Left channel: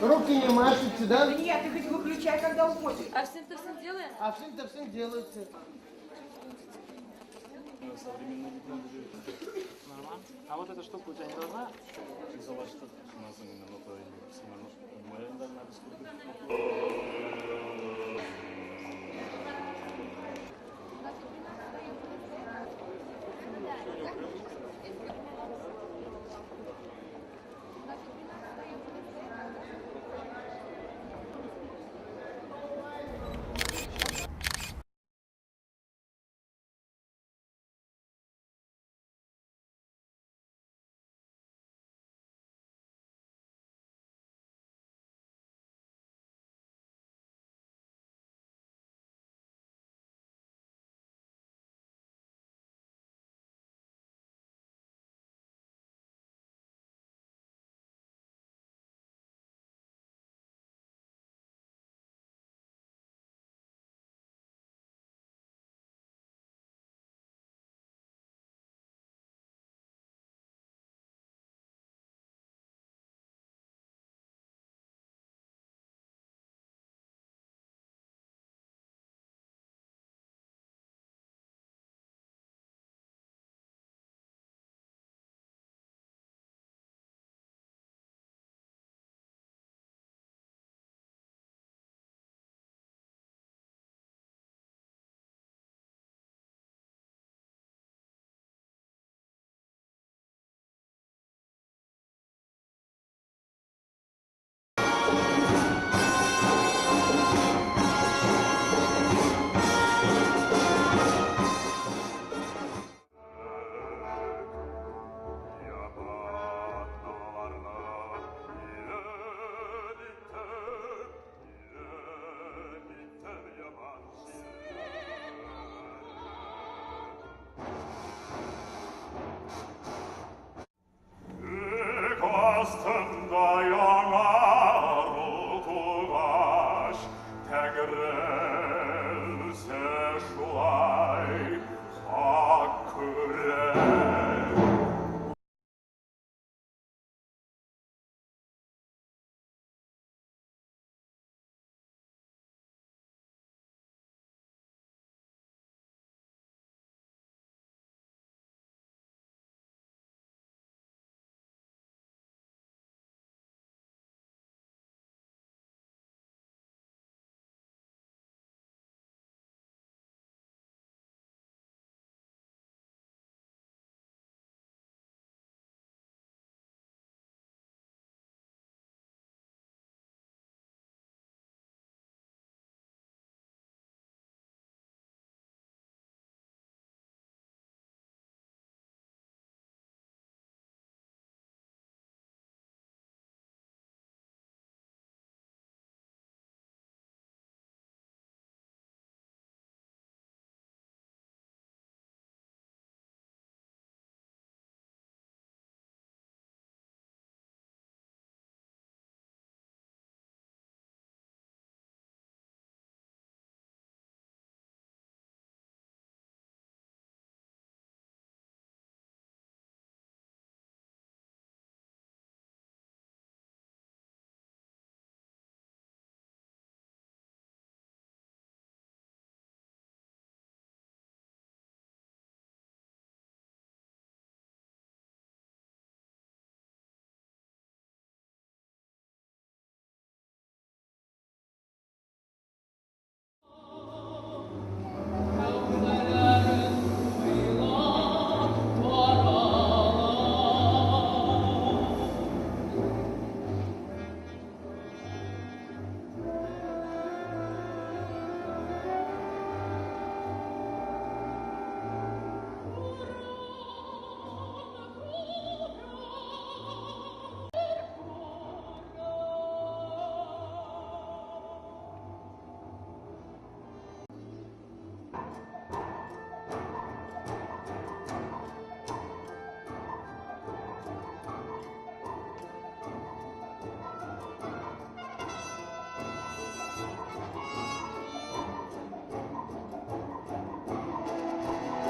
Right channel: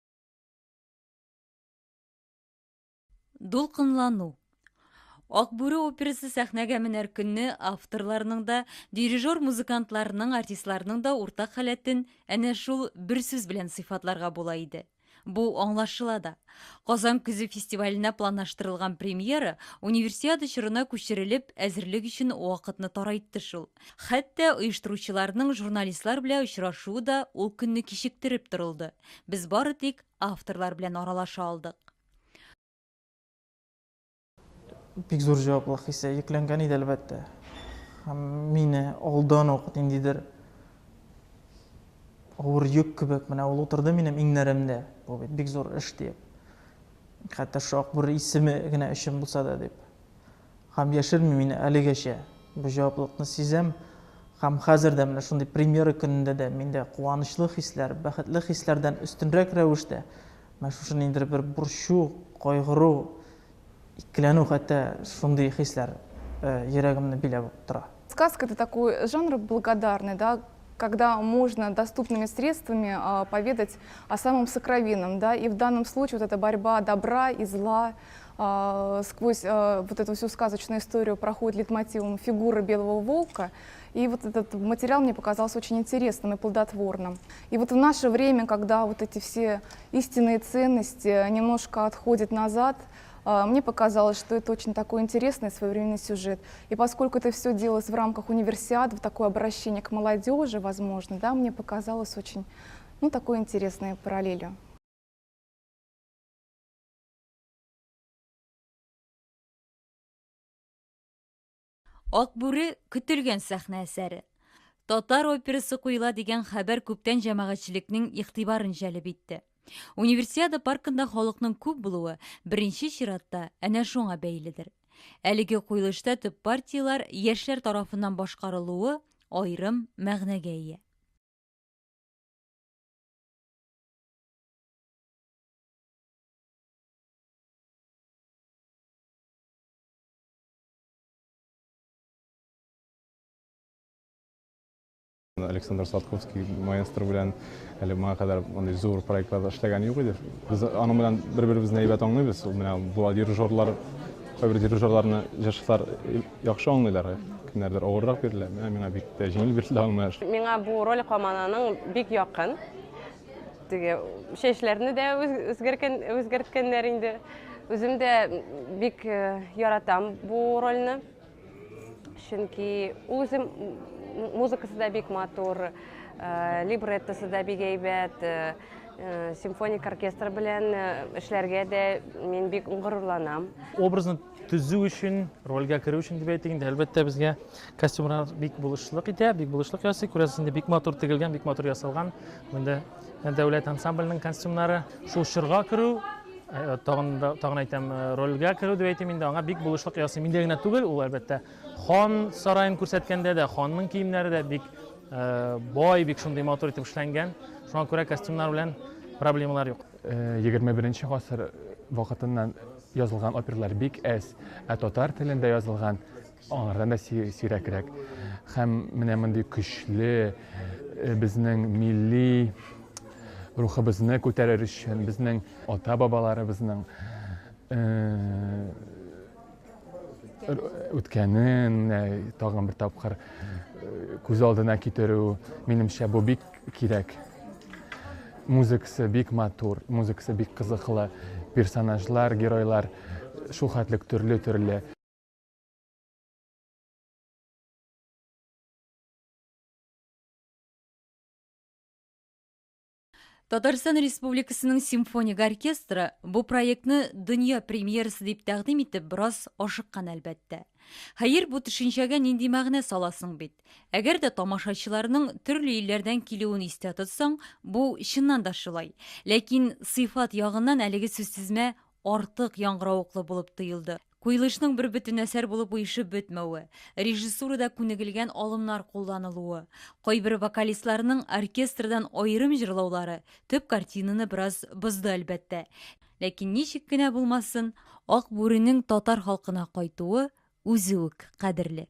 Руки не машете, да? Нет, ты хоть выключай, когда уходишь. Дулкынлану. Акбүре операсы сәхнәгә менәр көнне авторларының да, дирижер музыкантларының, артистларының да уртак халәтен әнә шул бер сүз белән сыйфатларга була иде. Бу аңлашыла да. Казан күзе фестиваленә планлаштырылган премьера универсиада чорына күчерелеп, әзерлек өчен вакытны тарайтты шул. Хәтта оештыручыларның журналистлар белән очрашуы да ул көнне кичектереп торылды. Без бары тик авторлар белән аралаша алдык. Бик зур җаваплылык хисе йөкләнгән иде әлбәттә. Һәм мине алдан ук ниндидер авыр йөк кебек менә ул утырды минем иңнәремдә. Бу бит бик зур эш дип. Хәтта шак бер исеме генә өчен булса да дип. Һәм яшерми мине әлегәчә. Бу җаваплылыкны сизәм. Һәм хәзер дә менә шундый премьера көнендә дә миндә куанычлы хисләр, бәхетле хисләрдән үстенрәк рәвештә менә шушы ниндидер бер борчу, кайгыру, икеләнү хәтта шундый хисләр йөрәгемне биләп тора. Сказка — это такой жанр благодарный, да, когда можно доступными средствами поведать о самом сокровенном, да, и в данном случае вот эта борьба добра и зла сквозь вот эту всю сказочную историю проходит лейтмотивом фигуры белого волка, и вот этот материал мне показался очень интересным и плодотворным. И вот в наше время, когда вот эти все истинные ценности немножко отходят назад, мне показалось, что это очень такой интересный своевременный сюжет. И поскольку это все делалось в рамках универсиады, в такое обращение к молодежи, возможно, да, мне показалось очень, ну, такой интересной параллелью. Акбүре көтелгән сәхнә әсәре. Татар операсы куела дигән хәбәр күптән җәмәгатьчелекнең игътибарын җәлеп итте. Универсиада паркында халыкның күп булуы беренче чиратта әнә шуңа бәйледер. Әлеге куелышта төп партиялар яшьләр тарафыннан башкарылуы аерым мәгънәгә ия. Александр Сладковский маэстро белән әле моңа кадәр мондый зур проектларда эшләгән юк иде. Без аның белән бер-беребезне әйбәт аңлыйбыз. Менә бу дирижерлар, кайбер дирижерларны яшьләр яхшы аңлыйлар. Кемнәрдер авыррак бирелә. Миңа бик тә җиңел бирелә аңлаш. Миңа бу роль команданың бик якын. Теге шешләрне дә үзгәрткәннәр инде. Үзем дә бик яратам бу рольне. Чөнки үзем музыкасы да бик матур, либреттосы да бик әйбәт, симфоник оркестр белән эшләргә дә мин бик горурланам. Образны төзү өчен, рольгә керү өчен дип әйтик инде, әлбәттә безгә костюмнар бик булышлык итә, бик булышлык ясый. Күрәсең, бик матур тегелгән, бик матур ясалган. Монда дәүләт ансамбльнең костюмнары, шул чорга керү, тагын әйтәм, рольгә керү дип әйтим инде, аңа бик булышлык ясый. Миндә генә түгел, ул әлбәттә хан сарайын күрсәткәндә дә, ханның киемнәре дә бик бай, бик шундый матур итеп эшләнгән. Шуңа күрә костюмнар белән проблемалар юк. 21 гасыр вакытыннан язылган опералар бик әз, татар телендә язылган аңардан да сирәкрәк. Һәм менә мондый көчле безнең милли рухыбызны күтәрер өчен, безнең ата-бабаларыбызның үткәнен тагын бер тапкыр күз алдына китерү, минемчә бу бик кирәк. Музыкасы бик матур, музыкасы бик кызыклы, персонажлар, геройлар шул хәтлек төрле. Татарстан Республикасының симфоник оркестры бу проектны дөнья премьерасы дип тәкъдим итеп бераз ашыккан әлбәттә. Хәер, бу төшенчәгә нинди мәгънә саласың бит? Әгәр дә тамашачыларның төрле илләрдән килүен истә тотсаң, бу чыннан да шулай. Ләкин сыйфат ягыннан әлеге сүзсезмә артык яңгыравыклы булып тоелды. Куелышның бер бөтен әсәр булып уйышып бетмәве, режиссурада күнегелгән алымнар кулланылуы, кайбер вокалистларның оркестрдан аерым җырлаулары төп картинаны бераз бозды әлбәттә. Ләкин ничек кенә булмасын, Акбүренең татар халкына кайтуы үзе үк кадерле.